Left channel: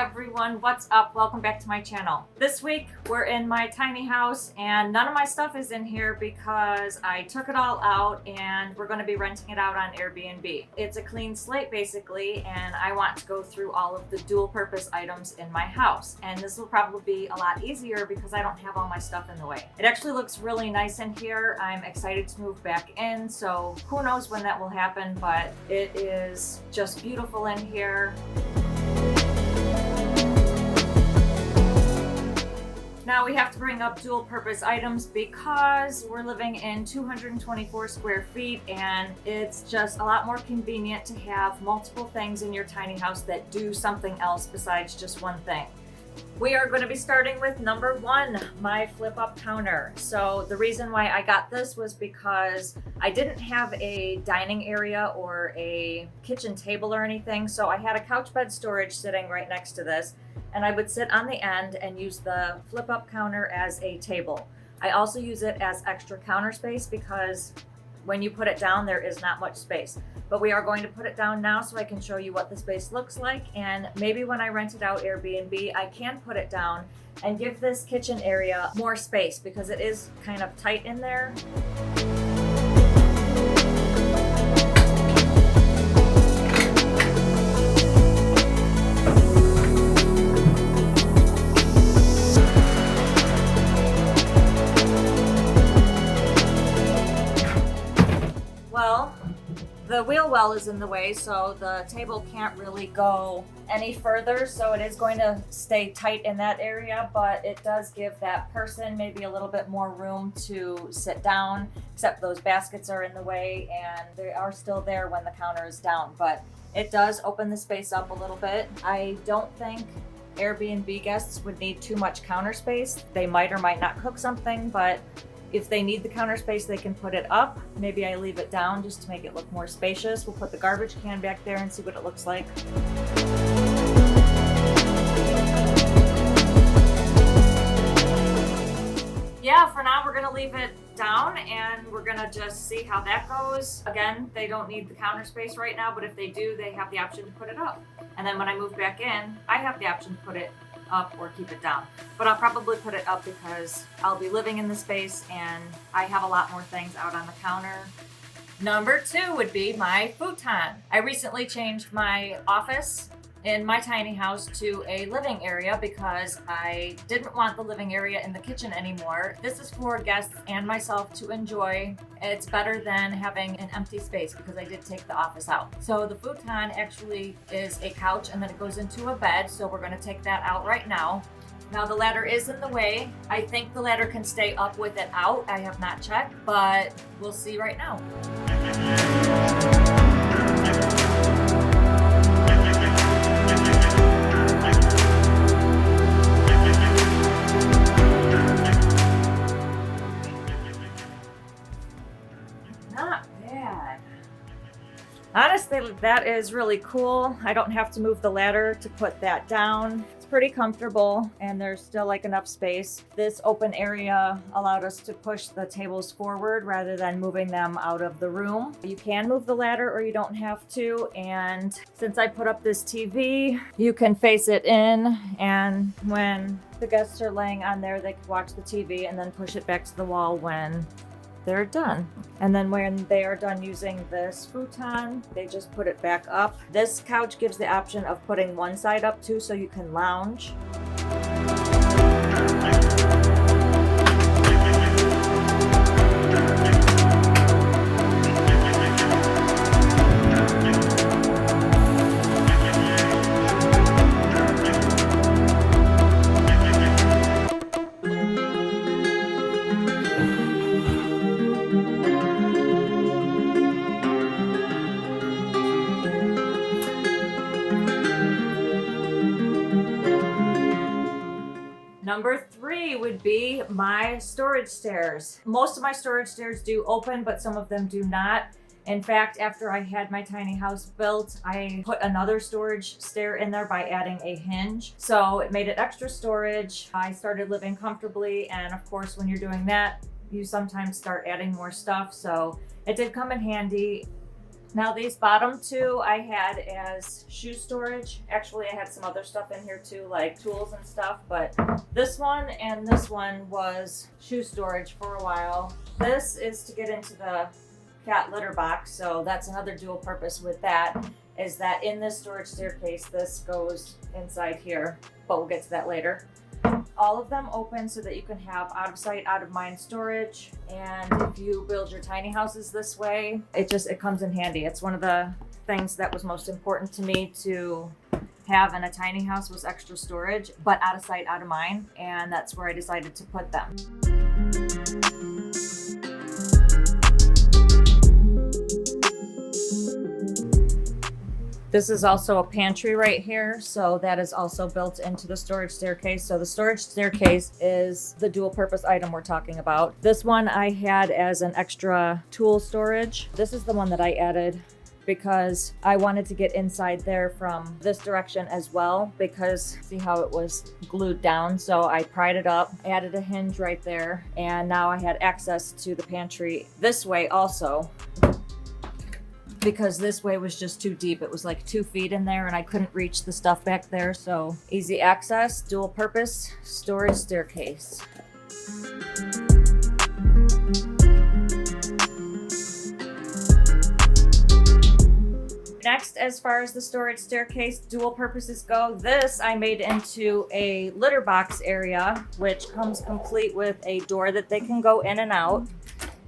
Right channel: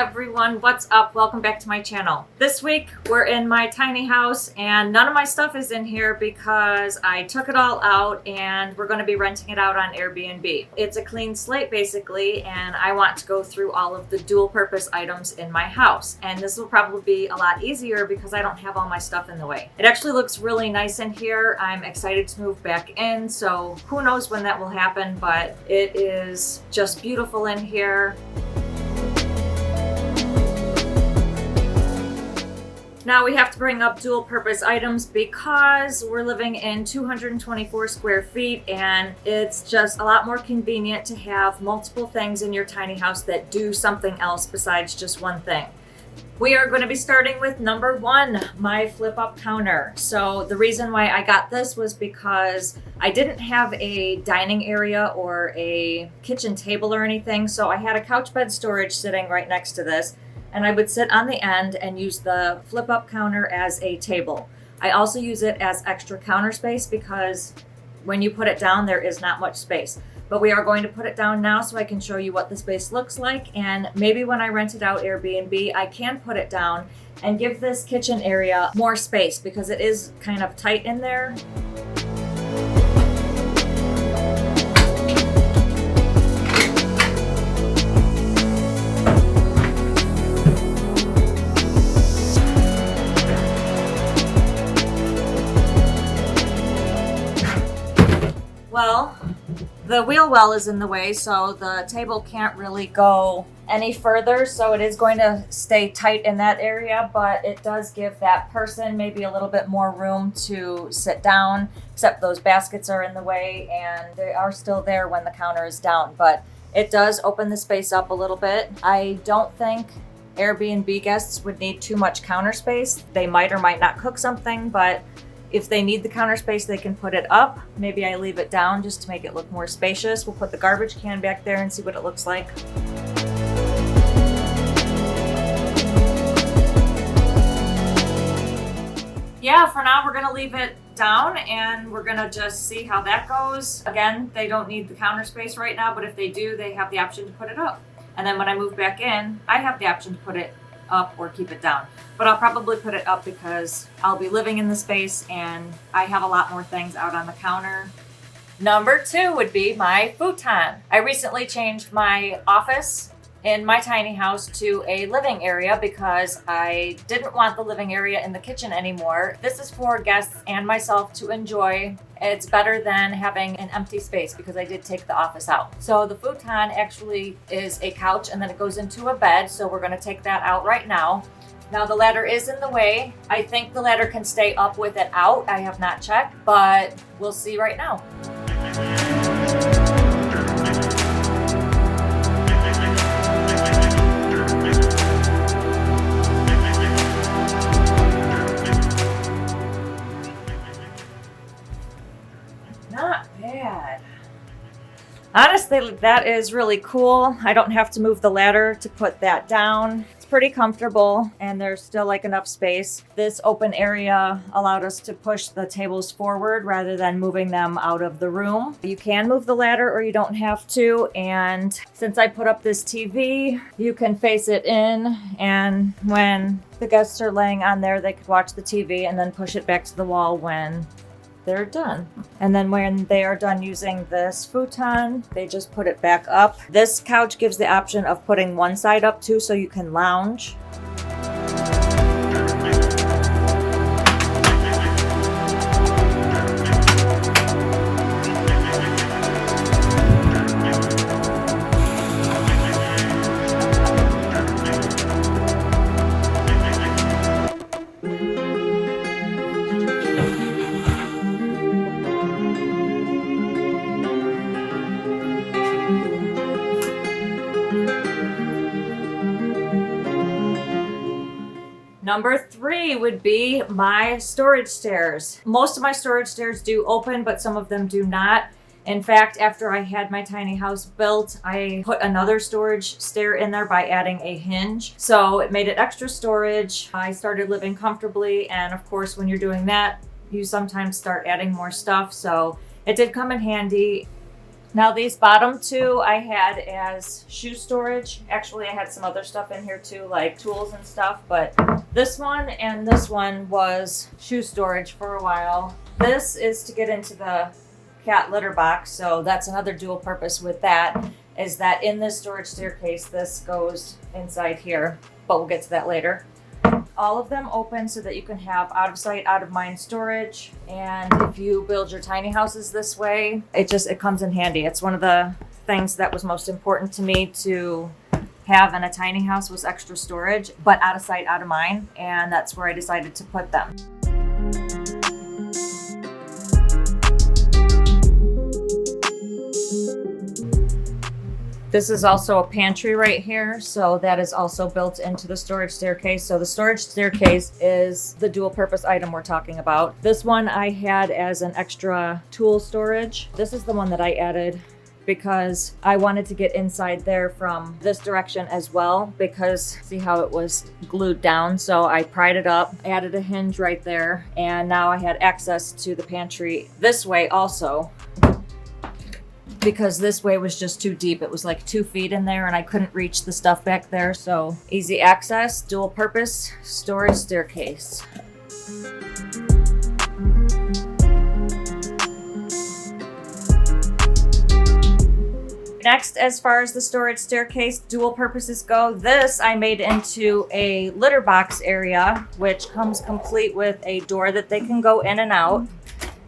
everyone, what's up? Welcome back to my channel. This week we're in my tiny house and none of my stuff is in here because I took it all out and we're going to be renting it out on Airbnb. It's a clean slate basically, and I want to go through all of the dual purpose items in my house, and this will probably be a lot easier because I don't have all my stuff in the way. It actually looks really nice in here. I'm excited to move back in, so who knows when that will happen, but it is just beautiful in here. Now we have to bring up dual purpose items because we're living in 224 square feet and it's just a lot more convenient to have multiple things in your tiny house that do something else besides just one thing. We are going to be starting with number one, my flip up counter. So the reason why I got this was because I didn't have a dining area or a kitchen table or anything. So I had a couch bed storage sitting right next to this, and I would sit on the end and use the flip up counter as a table. I also use it as extra counter space because when you put it down, there is not much space. But we are going to put it down now so I can show you what the space looks like, and maybe when I rent it out Airbnb, I can put it down and give this kitchen area more space because it is kind of tight in there. Well, the wheel well is in the way, so the table can't really go any further, so it is going to stay tight in that area, but it does give that person maybe a little bit more room to sit down, except those baskets are in the way and they are still there when the counter is down, but it does open the space up a little bit. I don't think Airbnb guests would need too much counter space. They might or might not cook something, but if they need the counter space, they can put it up. Maybe I leave it down just to make it look more spacious. We'll put the garbage can back there and see what it looks like. Yeah, for now we're gonna leave it down and we're gonna just see how that goes. Again, they don't need the counter space right now, but if they do, they have the option to put it up. And then when I move back in, I have the option to put it up or keep it down, but I'll probably put it up because I'll be living in the space and I have a lot more things out on the counter. Number two would be my futon. I recently changed my office in my tiny house to a living area because I didn't want the living area in the kitchen anymore. This is for guests and myself to enjoy. It's better than having an empty space because I did take the office out. So the futon actually is a couch and then it goes into a bed. So we're going to take that out right now. Now the ladder is in the way. I think the ladder can stay up with it out. I have not checked, but we'll see right now. Not bad. Honestly, that is really cool. I don't have to move the ladder to put that down. It's pretty comfortable and there's still like enough space. This open area allowed us to push the tables forward rather than moving them out of the room. You can move the ladder or you don't have to. And since I put up this TV, you can face it in, and when the guests are laying on there, they could watch the TV and then push it back to the wall when they're done. And then when they are done using this futon, they just put it back up. This couch gives the option of putting one side up too, so you can lounge. Number three would be my storage stairs. Most of my storage stairs do open, but some of them do not. In fact, after I had my tiny house built, I put another storage stair in there by adding a hinge. So it made it extra storage. I started living comfortably, and of course, when you're doing that, you sometimes start adding more stuff. So it did come in handy. Now these bottom two I had as shoe storage. Actually, I had some other stuff in here too, like tools and stuff, but this one and this one was shoe storage for a while. This is to get into the cat litter box, so that's another dual purpose with that, is that in this storage staircase, this goes inside here, but we'll get to that later. All of them open so that you can have out of sight, out of mind storage. And if you build your tiny houses this way, it comes in handy. It's one of the things that was most important to me to have in a tiny house was extra storage, but out of sight, out of mind. And that's where I decided to put them. This is also a pantry right here, so that is also built into the storage staircase. So the storage staircase is the dual purpose item we're talking about. This one I had as an extra tool storage. This is the one that I added because I wanted to get inside there from this direction as well, because see how it was glued down. So I pried it up, added a hinge right there, and now I had access to the pantry this way also, because this way was just too deep. It was like 2 feet in there and I couldn't reach the stuff back there. So easy access, dual purpose storage staircase. Next, as far as the storage staircase dual purposes go, this I made into a litter box area, which comes complete with a door that they can go in and out.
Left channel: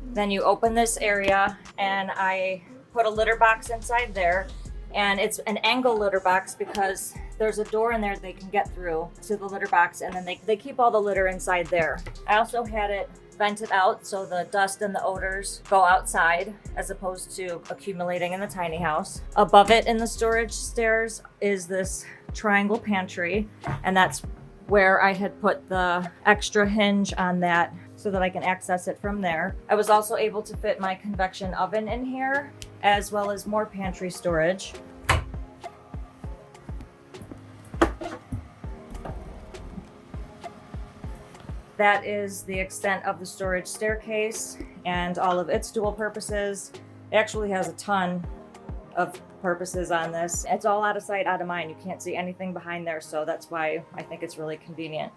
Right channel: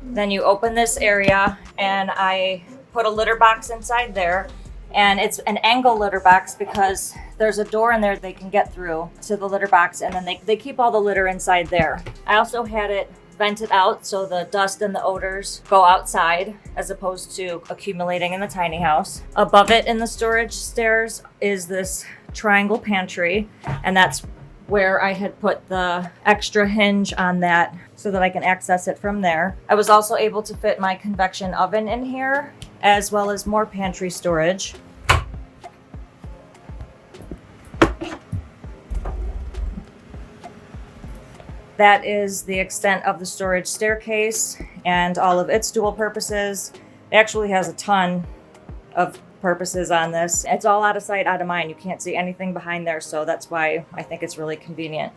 Then you open this area and I put a litter box inside there, and it's an angle litter box because there's a door in there they can get through to the litter box, and then they keep all the litter inside there. I also had it vented out so the dust and the odors go outside as opposed to accumulating in the tiny house. Above it in the storage stairs is this triangle pantry, and that's where I had put the extra hinge on that so that I can access it from there. I was also able to fit my convection oven in here, as well as more pantry storage. That is the extent of the storage staircase and all of its dual purposes. It actually has a ton of purposes on this. It's all out of sight, out of mind. You can't see anything behind there, so that's why I think it's really convenient.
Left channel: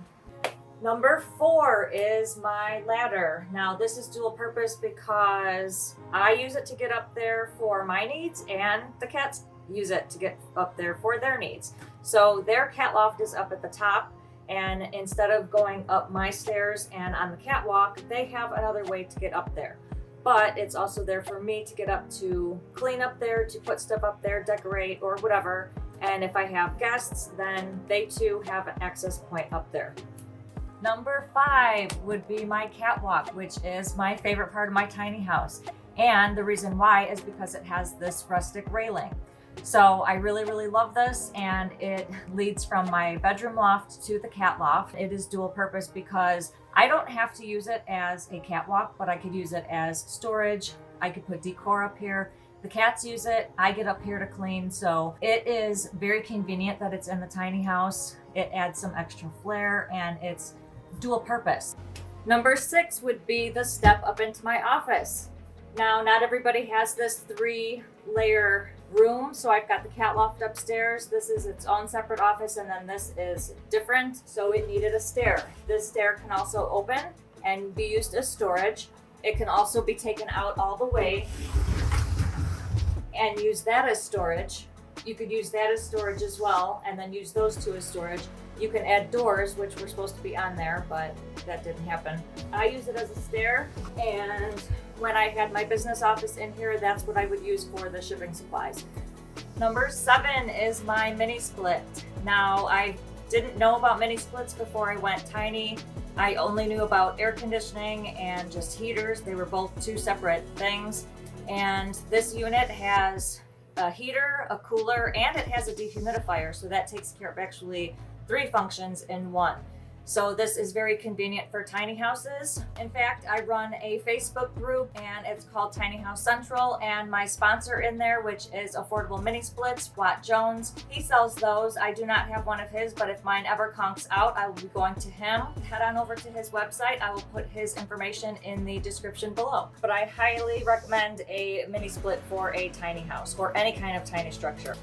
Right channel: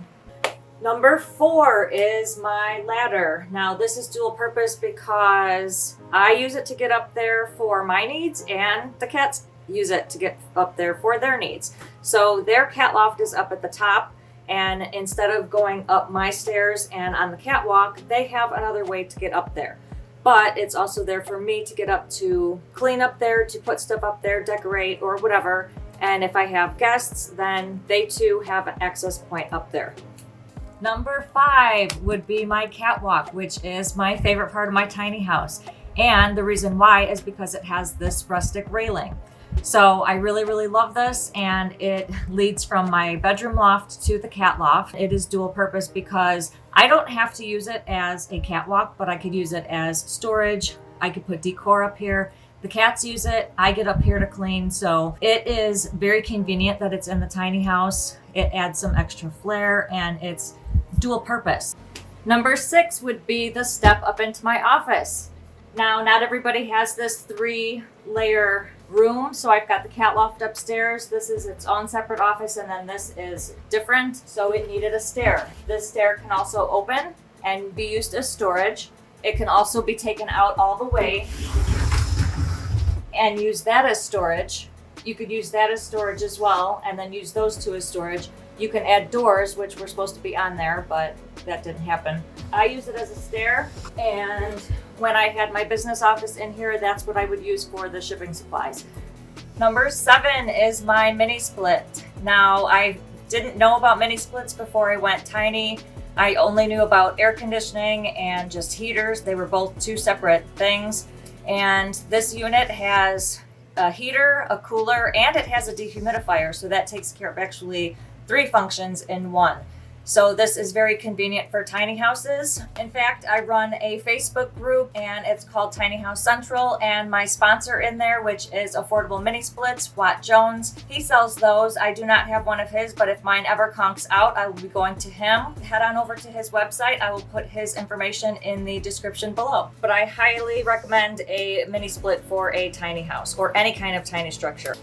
Number 4 is my ladder. Now this is dual purpose because I use it to get up there for my needs, and the cats use it to get up there for their needs. So their cat loft is up at the top, and instead of going up my stairs and on the catwalk, they have another way to get up there. But it's also there for me to get up to clean up there, to put stuff up there, decorate, or whatever. And if I have guests, then they too have an access point up there. Number 5 would be my catwalk, which is my favorite part of my tiny house. And the reason why is because it has this rustic railing. So I really, really love this, and it leads from my bedroom loft to the cat loft. It is dual purpose because I don't have to use it as a catwalk, but I could use it as storage. I could put decor up here. The cats use it. I get up here to clean. So it is very convenient that it's in the tiny house. It adds some extra flair, and it's dual purpose. Number 6 would be the step up into my office. Now, not everybody has this 3-layer room, so I've got the cat loft upstairs. This is its own separate office, and then this is different, so it needed a stair. This stair can also open and be used as storage. It can also be taken out all the way and use that as storage. You could use that as storage as well, and then use those two as storage. You can add doors, which were supposed to be on there, but that didn't happen. I use it as a stair, and when I had my business office in here, that's what I would use for the shipping supplies. Number 7 is my mini split. Now, I didn't know about mini splits before I went tiny. I only knew about air conditioning and just heaters. They were both 2 separate things. And this unit has a heater, a cooler, and it has a dehumidifier. So that takes care of actually 3 functions in one. So this is very convenient for tiny houses. In fact, I run a Facebook group and it's called Tiny House Central, and my sponsor in there, which is Affordable Mini Splits, Watt Jones, he sells those. I do not have one of his, but if mine ever conks out, I will be going to him. Head on over to his website. I will put his information in the description below. But I highly recommend a mini split for a tiny house or any kind of tiny structure.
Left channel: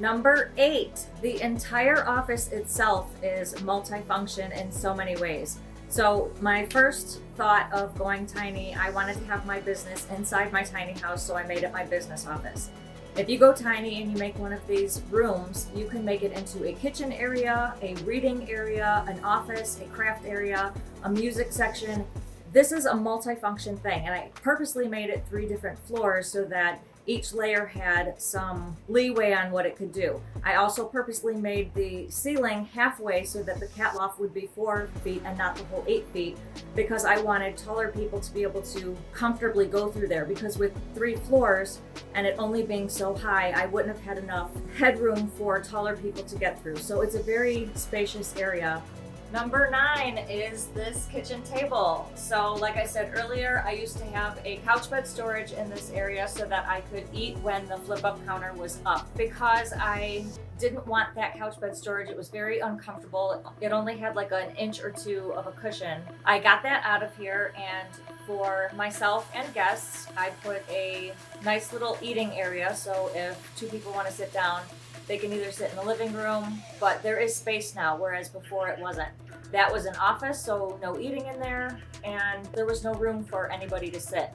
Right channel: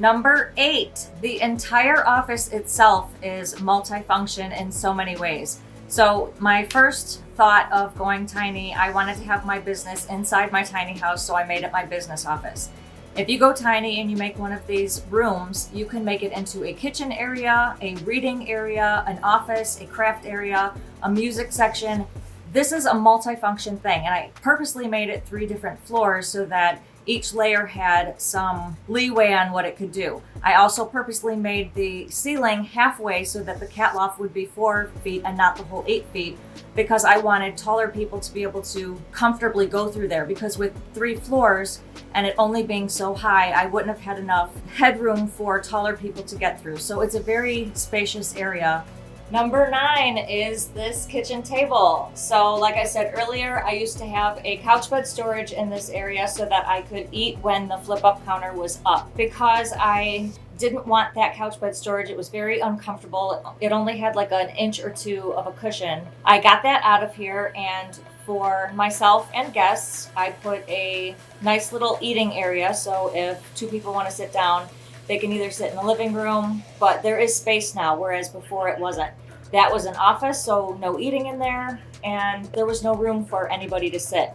Number 8, the entire office itself is multifunction in so many ways. So my first thought of going tiny, I wanted to have my business inside my tiny house, so I made it my business office. If you go tiny and you make one of these rooms, you can make it into a kitchen area, a reading area, an office, a craft area, a music section. This is a multifunction thing, and I purposely made it 3 different floors so that each layer had some leeway on what it could do. I also purposely made the ceiling halfway so that the cat loft would be 4 feet and not the whole 8 feet, because I wanted taller people to be able to comfortably go through there, because with 3 floors and it only being so high, I wouldn't have had enough headroom for taller people to get through. So it's a very spacious area. Number 9 is this kitchen table. So like I said earlier, I used to have a couch bed storage in this area so that I could eat when the flip up counter was up. Because I didn't want that couch bed storage, it was very uncomfortable. It only had like an inch or 2 of a cushion. I got that out of here, and for myself and guests, I put a nice little eating area. So if 2 people want to sit down, they can either sit in the living room, but there is space now, whereas before it wasn't. That was an office, so no eating in there, and there was no room for anybody to sit.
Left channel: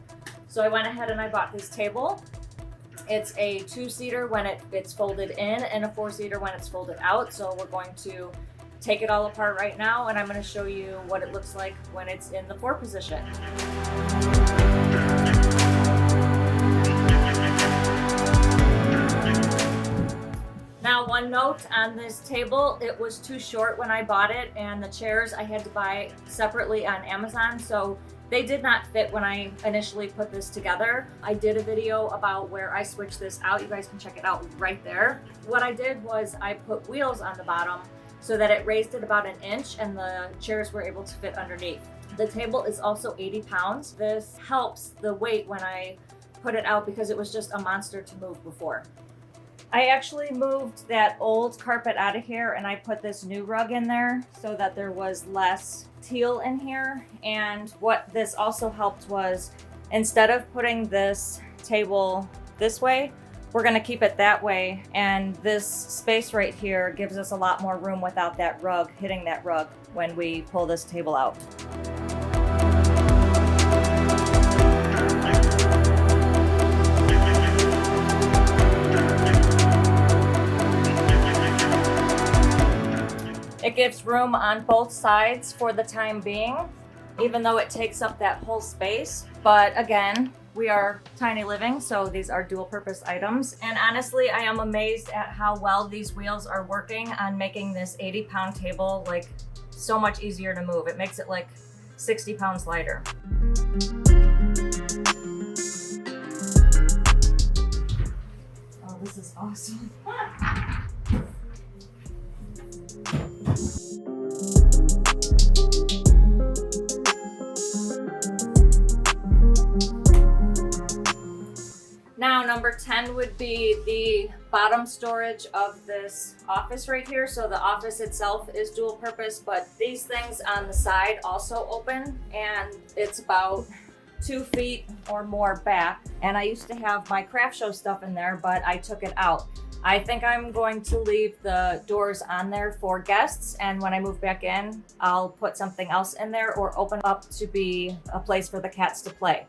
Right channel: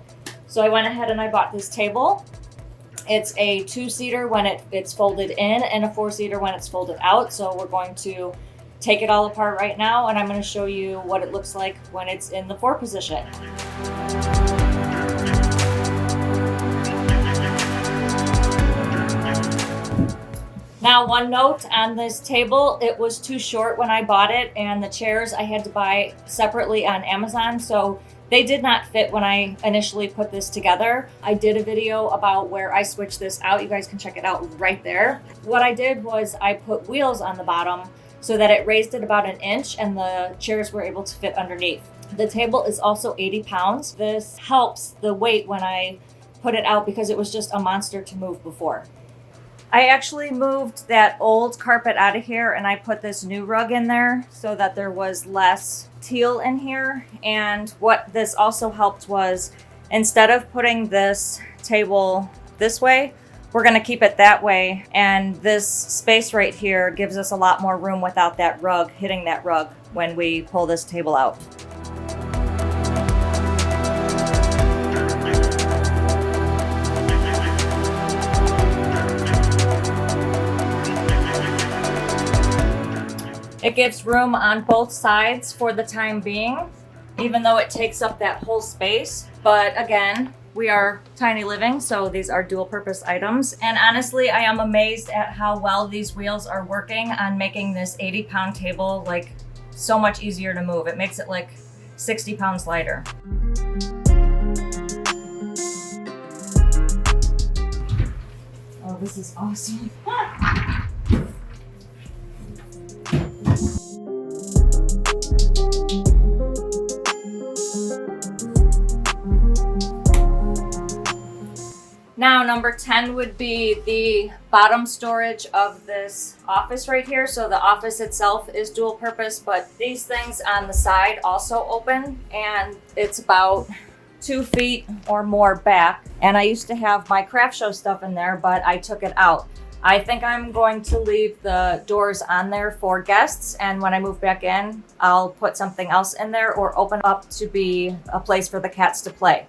So I went ahead and I bought this table. It's a 2-seater when it's folded in, and a 4-seater when it's folded out. So we're going to take it all apart right now, and I'm going to show you what it looks like when it's in the 4 position. Now, one note on this table, it was too short when I bought it, and the chairs I had to buy separately on Amazon, so they did not fit when I initially put this together. I did a video about where I switched this out. You guys can check it out right there. What I did was I put wheels on the bottom so that it raised it about 1 inch and the chairs were able to fit underneath. The table is also 80 pounds. This helps the weight when I put it out because it was just a monster to move before. I actually moved that old carpet out of here and I put this new rug in there so that there was less teal in here. And what this also helped was, instead of putting this table this way, we're gonna keep it that way. And this space right here gives us a lot more room without that rug hitting that rug when we pull this table out. It gives room on both sides for the time being, even though it takes up that whole space. But again, we are tiny living, so these are dual purpose items. And honestly, I am amazed at how well these wheels are working on making this 80-pound table like so much easier to move. It makes it like 60 pounds lighter. Oh, this is awesome. Now, number 10 would be the bottom storage of this office right here. So the office itself is dual purpose, but these things on the side also open, and it's about 2 feet or more back. And I used to have my craft show stuff in there, but I took it out. I think I'm going to leave the doors on there for guests, and when I move back in, I'll put something else in there or open up to be a place for the cats to play.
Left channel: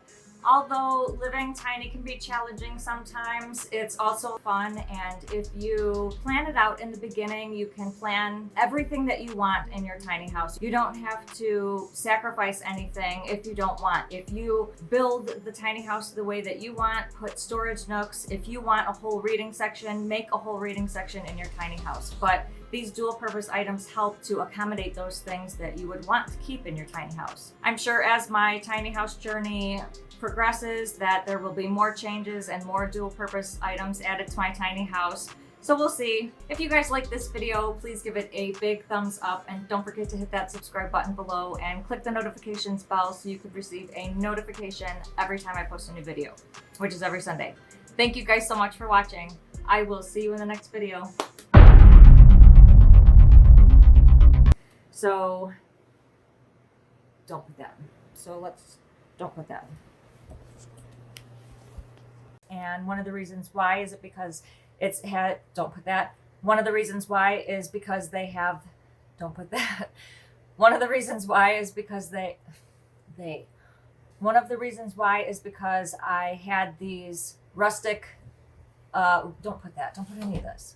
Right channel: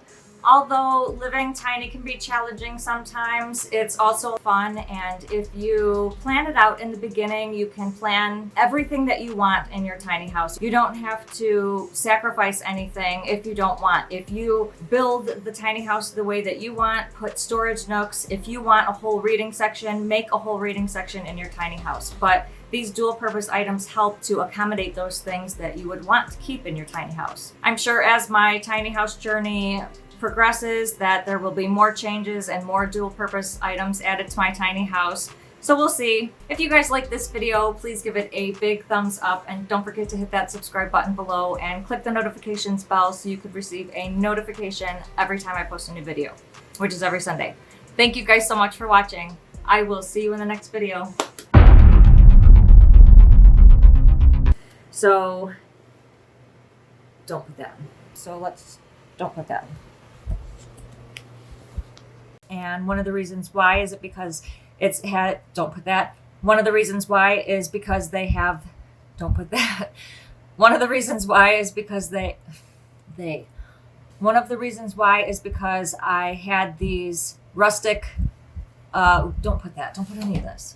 Although living tiny can be challenging sometimes, it's also fun, and if you plan it out in the beginning, you can plan everything that you want in your tiny house. You don't have to sacrifice anything if you don't want. If you build the tiny house the way that you want, put storage nooks. If you want a whole reading section, make a whole reading section in your tiny house. But these dual purpose items help to accommodate those things that you would want to keep in your tiny house. I'm sure as my tiny house journey progresses that there will be more changes and more dual purpose items added to my tiny house. So we'll see. If you guys like this video, please give it a big thumbs up and don't forget to hit that subscribe button below and click the notifications bell so you could receive a notification every time I post a new video, which is every Sunday. Thank you guys so much for watching. I will see you in the next video. So, don't put that in. So don't put that in. And one of the reasons why is it because don't put that. One of the reasons why is because they have, don't put that. One of the reasons why is because one of the reasons why is because I had these rustic, don't put that. Don't put any of this.